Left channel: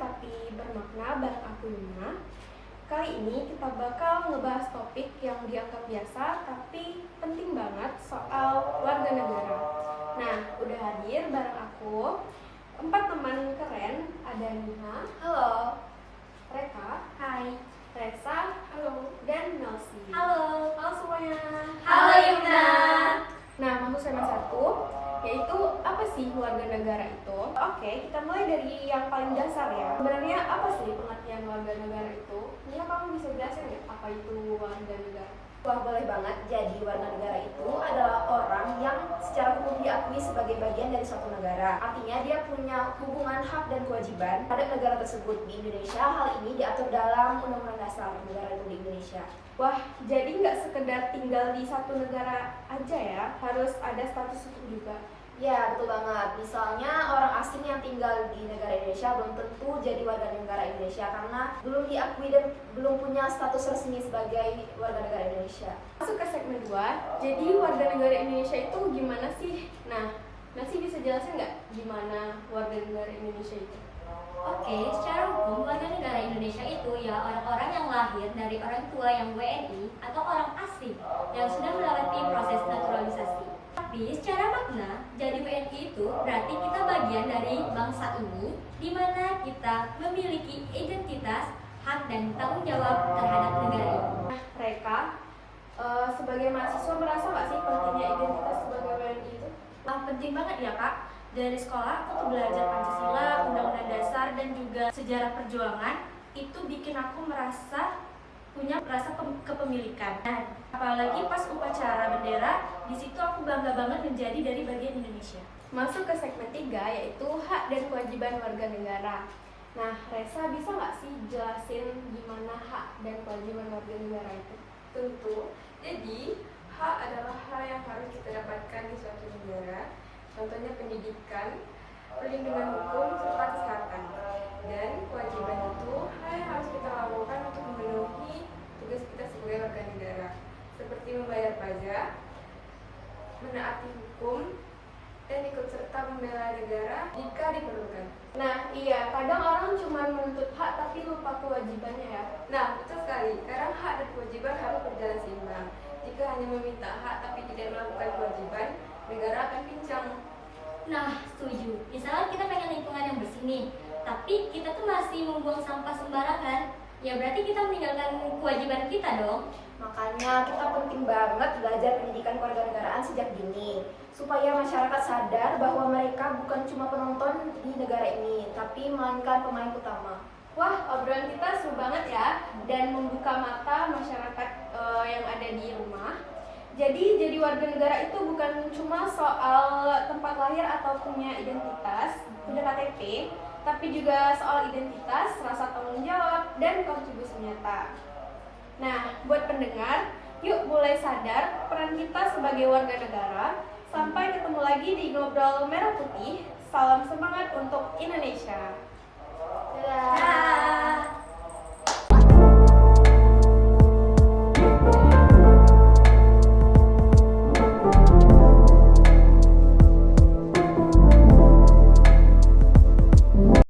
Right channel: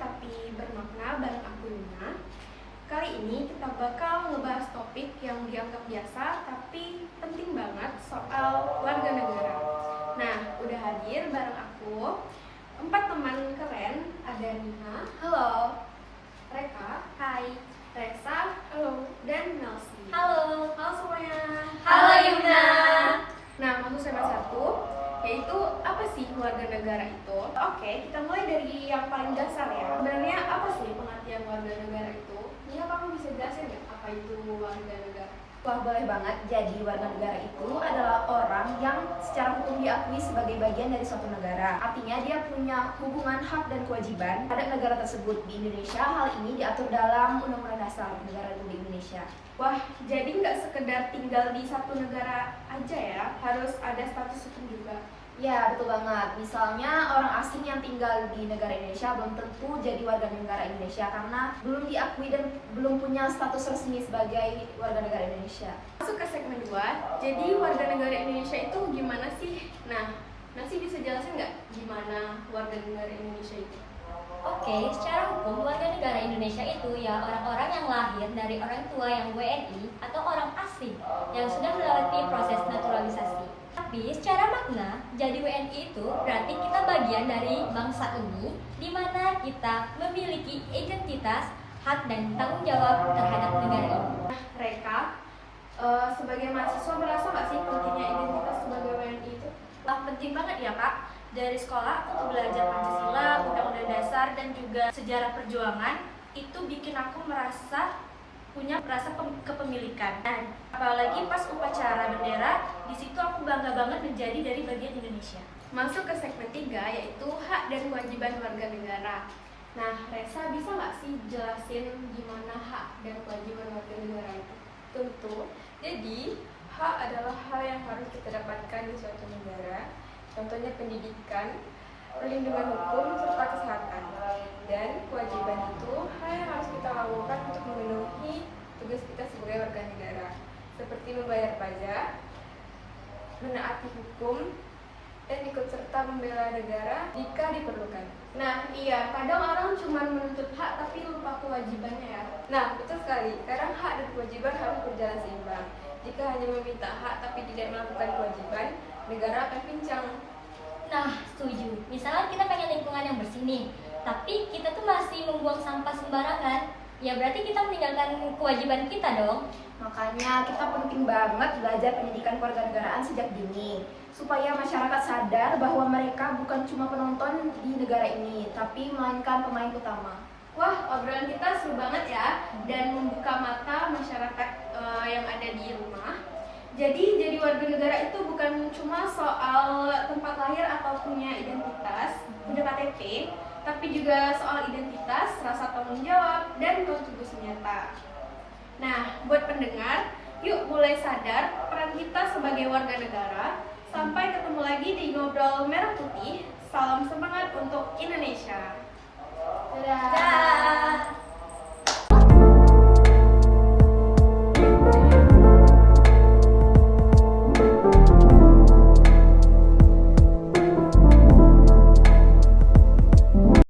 tapi bermakna bareng aku Yuna. Kali ini kita bakal ngebahas topik yang dianggap biasa tapi penting banget soal warga negara. Nah, udah hadir bareng aku 4 teman keren. Ada Nina, halo. Reka, hai. Resa, halo. Dan Melsi, halo. Halo semuanya. Halo Yuna. Nah, masuk semester 1, yaitu apa sih warga negara itu? Oke, kita mulai dari yang paling dasar ya. Sebenarnya apa sih pengertian warga negara itu? Nia, kamu bisa jelasin nggak apa itu warga negara? Wah, boleh banget. Jadi warga negara itu adalah orang yang secara hukum diakui sebagai bagian dari suatu negara. Artinya dia punya hubungan hak dan kewajiban pada negara tersebut. Di Indonesia, hal ini diatur dalam Undang-Undang Dasar Negara Republik Indonesia. Wah, jadi nggak sekedar tinggal di satu negara aja ya, harus ada status hukum juga. Ya, betul banget. Misalnya orang asing yang tinggal di negara Indonesia belum tentu jadi warga negara Indonesia karena belum diakui dan belum punya status resmi sebagai warga negara Indonesia. Masuk ke segmen 2, jadi warga negara Indonesia itu gimana sih? Nah, Nasi bisa jelasin nggak gimana warga negara Indonesia itu? Oke, secara hukum warga negara Indonesia itu ya orang-orang yang lahir dari orang tua yang WNI atau orang asing yang sudah melewati proses naturalisasi. Tapi secara makna, jadi WNI itu berarti kita bagian dari bangsa ini, di mana kita memiliki identitas, hak dan tanggung jawab terhadap negara ini. Reka, sebagai mahasiswa merasa nggak sih pentingnya identitas sebagai WNI itu? Wah, penting banget ya Kak. Dari sekolah aku belajar Pancasila, Undang-Undang Dasar dan juga sejarah perjuangan. Itu bikin aku merasa punya rasa kepemilikan. Nah, apalagi pas upacara bendera, di situ aku bangga banget menjadi dari bagian Indonesia. Masuk ke segmen 3, yaitu hak dan kewajiban warga negara. Nah, Resa bisa nggak sih jelasin gimana hak dan kewajiban warga negara itu? Tentu. Jadi, hak adalah hal yang harus kita dapatkan di suatu negara. Contohnya pendidikan, perlindungan hukum, serta kesehatan. Dan kewajiban itu hal yang harus kita lakukan untuk memenuhi tugas kita sebagai warga negara, seperti membayar pajak, menaati hukum, dan ikut serta membela negara jika diperlukan. Nah, iya, kadang orang cuma menuntut hak tapi lupa kewajibannya ya. Nah, betul sekali. Karena hak dan kewajiban harus berjalan seimbang. Jika hanya meminta hak tapi tidak melakukan kewajiban, negara akan pincang. Nah, setuju. Misalnya kita pengen lingkungan yang bersih nih, tapi kita tuh masih membuang sampah sembarangan. Ya berarti kita meninggalkan kewajiban kita dong. Makanya kita penting banget belajar pendidikan kewarganegaraan sejak dini supaya masyarakat sadar bahwa mereka bukan cuma penonton di negara ini, tapi melainkan pemain utama. Wah, obrolan kita seru banget ya, dan membuka mata masyarakat yang ada di rumah. Jadi warga negara itu bukan cuma soal tempat lahir atau punya identitas, punya KTP, tapi juga soal identitas, rasa tanggung jawab, dan kontribusi nyata. Nah, buat pendengar, yuk mulai sadar peran kita sebagai warga negara. Sampai ketemu lagi di Ngobrol Merah Putih. Salam semangat untuk Indonesia.